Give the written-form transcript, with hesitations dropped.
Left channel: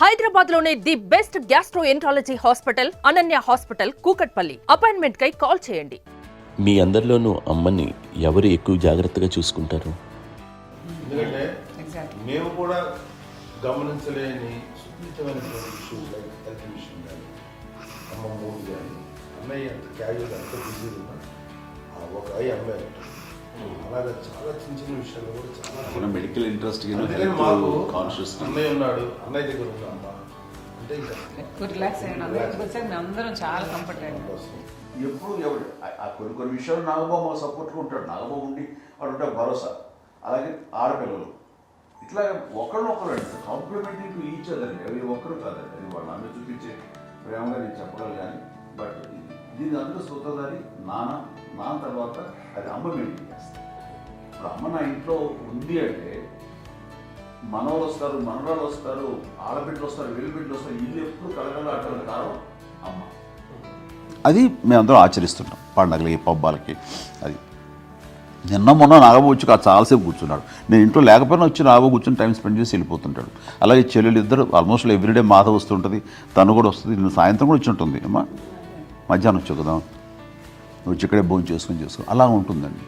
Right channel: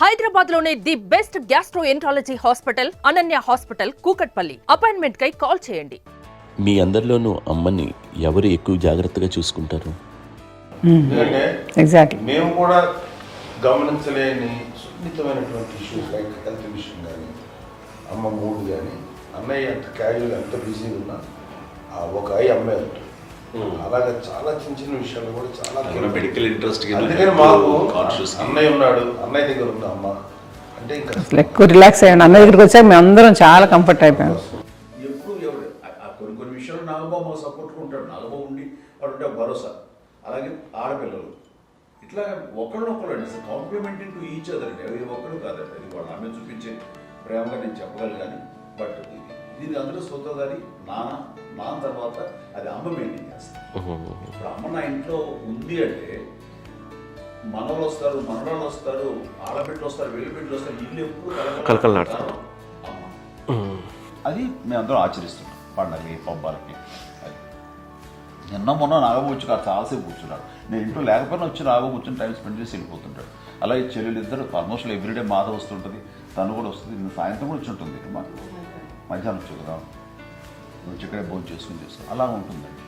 హైదరాబాద్ లోనే the best gastroenterology hospital Ananya hospital Kukatpally. Appointment కై call చేయండి. మీ అందరిలోనూ అమ్మని ఎవరు ఎక్కువ జాగ్రత్తగా చూసుకుంటారు? ఎగ్జాక్ట్లీ. మేము కూడా గమనించలేని సున్నితమైనటువంటి విషయం, లైక్ హెల్త్ విషయం కానీ, అమ్మ మూడు కానీ, అన్నయ్య ఎంత క్యాజువల్ ఎంత బిజీగా ఉన్నా ఒక అమ్మాయి అంటారు. అలాగే చాలా చిన్న చిన్న విషయాలు కూడా చాలా మెడికల్ ఇంట్రెస్ట్. అందుకని మాకు అన్నయ్య ఉన్నాడు, అన్నయ్య దగ్గర ఉన్న అమ్మ అంటే ఇంకా ఎక్కువ రిలాక్స్ అయ్యాను. అన్న దగ్గరికి వచ్చాక మేము అందరం చాలా కంఫర్ట్ అయిపోయాం. ఎప్పుడు ఎవరు కొన్ని కొన్ని విషయాలు నాగబాబు మాకు సపోర్ట్గా ఉంటాడు. నాగబాబు ఉండి వాడు ఉంటే భరోసా. అలాగే ఆడపిల్లలు ఇట్లా ఒకరినొకరు కాంప్లిమెంటింగ్ టు ఈచ్ అదర్ అండి. అవి ఒకరు కాదండి, అది వాళ్ళు ఆమె చూపించే ప్రేమగా నేను చెప్పగలను. కానీ బట్ దీని అందులో సోదరి నాన్న తర్వాత అది అమ్మ మెయింటైన్ చేస్తుంది. ఇప్పుడు అమ్మ నా ఇంట్లో ఉంది అంటే మనవాళ్ళు వస్తారు, మనవాళ్ళు వస్తారు, ఆడబిడ్డలు వస్తారు, వెల్లుబిడ్డలు వస్తారు, ఇల్లు ఎప్పుడు కలకలాడతారు అమ్మ. అది మేమందరం ఆచరిస్తుంటాం పండగలకి, పబ్బాలకి. అది నిన్న మొన్న నాగబాబు వచ్చి చాలాసేపు కూర్చున్నాడు. నేను ఇంట్లో లేకపోయినా వచ్చి నాగబాబు కూర్చొని టైం స్పెండ్ చేసి వెళ్ళిపోతుంటాడు. అలాగే చెల్లెలు ఇద్దరు ఆల్మోస్ట్ ఎవ్రీడే మాత వస్తుంటుంది, తను కూడా వస్తుంది. నిన్న సాయంత్రం కూడా వచ్చి ఉంటుంది. అమ్మా మధ్యాహ్నం వచ్చి కదా వచ్చి ఇక్కడే భోజనం చేసుకొని అలా ఉంటుందండి.